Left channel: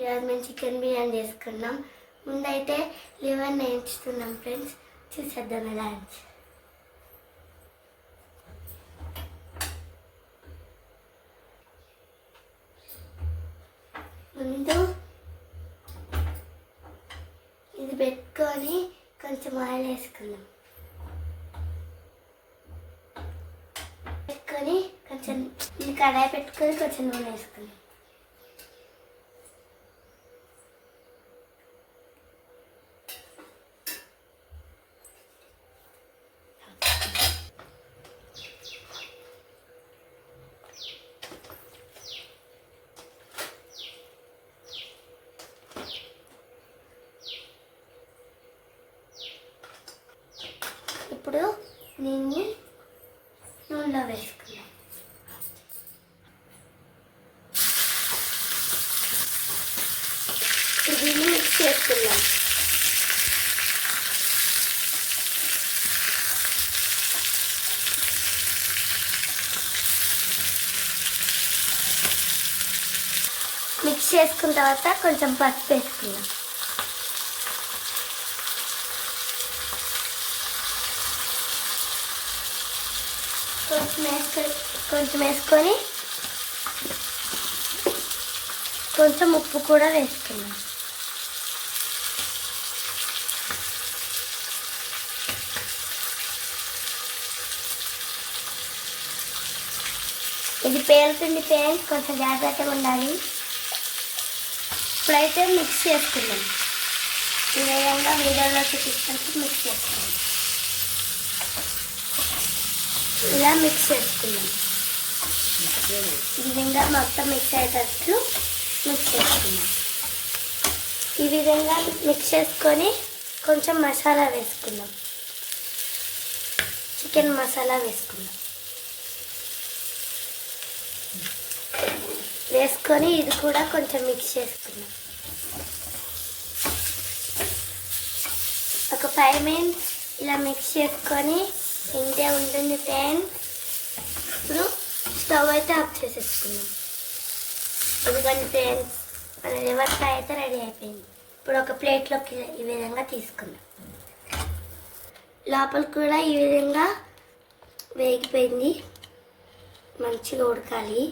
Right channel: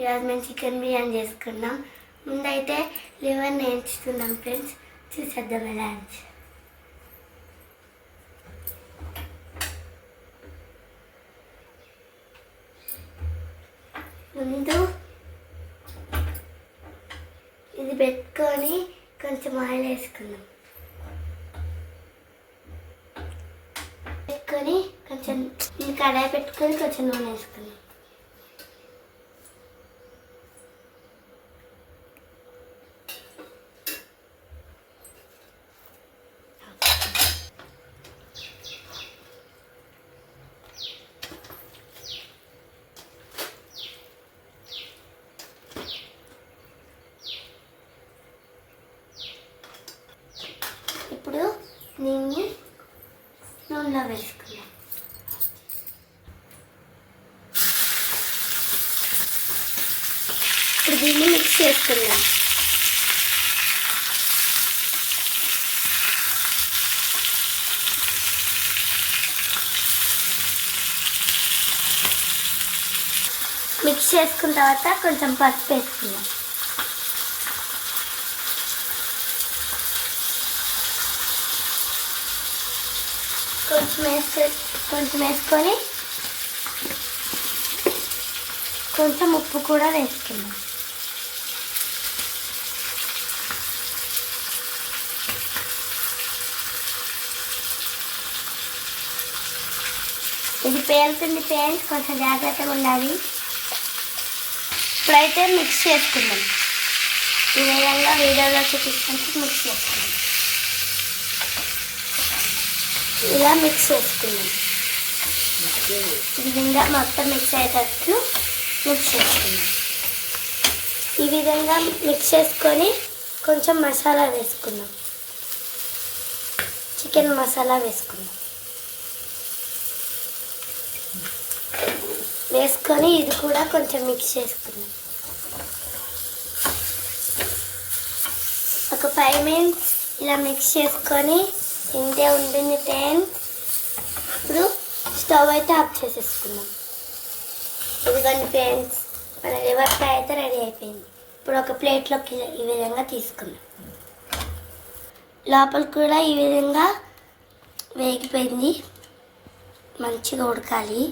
ఈరోజు మేము చికెన్ బిర్యానీ చేసుకున్నాం. ముందైతే లివర్ వేయించుతున్నాం ఫ్రెండ్స్, చూసేద్దాం ఎలా వేయించి. ముందు ఇది పెట్టుకొని కొంచెం ఆయిల్ వేసుకుందాం. పెట్టుకొని కొంచెం ఇది కడాయి పెట్టుకొని కొంచెం నూనె వేసుకుందాం. ఇప్పుడు దీన్ని నూనెలో వేసుకున్నాం. ఇప్పుడు దీన్ని మిక్స్ చేసుకున్నాం. మిక్స్ చేసుకున్న తర్వాత కొంచెం పసుపు వేసుకున్నాం. కొంచెం వేసుకొని కొంచెం ఉప్పు కూడా వేసుకున్నాం. ఇది పేలుతుంది ఫ్రెండ్స్, కొంచెం జాగ్రత్తగా ఉండాలి. ఇప్పుడైతే మిక్స్ చేసుకుందాం. ఈ విధంగా వీడియోలో చూపించినట్టు మిక్స్ చేసుకుందాం. ఇలా మిక్స్ చేసుకున్నాం. ఈ విధంగా మొత్తం మిక్స్ అయ్యేటట్లు మిక్స్ చేసుకున్నాం. ఈ విధంగా మిక్స్ చేసుకొని కొంచెం మసాలా వేసుకున్నాం. చికెన్ మసాలా వేసుకున్నాం. వేసుకొని ఇది కూడా కొంచెం మిక్స్ చేసుకున్నాం. ఒక 5 minutes ఇలా మిక్స్ చేసుకొని ఇంతే ఉంటుంది ఫ్రెండ్స్. ఇప్పుడు స్టవ్ అయితే ఆఫ్ చేసేసుకున్నాం. ఇదిగోండి ఫ్రెండ్స్, మన లివర్ ఫ్రై అయితే రెడీ అయిపోయింది. ఇప్పుడు ఒక ప్లేట్లోకి ఈ విధంగా తీసుకున్నాం. లోపల కూడా ఈ విధంగా వేగిపోయింది, మంచిగా ఉడకాలి.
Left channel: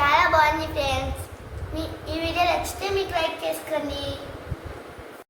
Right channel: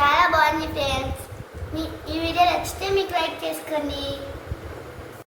చాలా బాగుంది ఫ్రెండ్స్. ఈ వీడియో నచ్చితే మీకు లైక్ చేసుకోండి.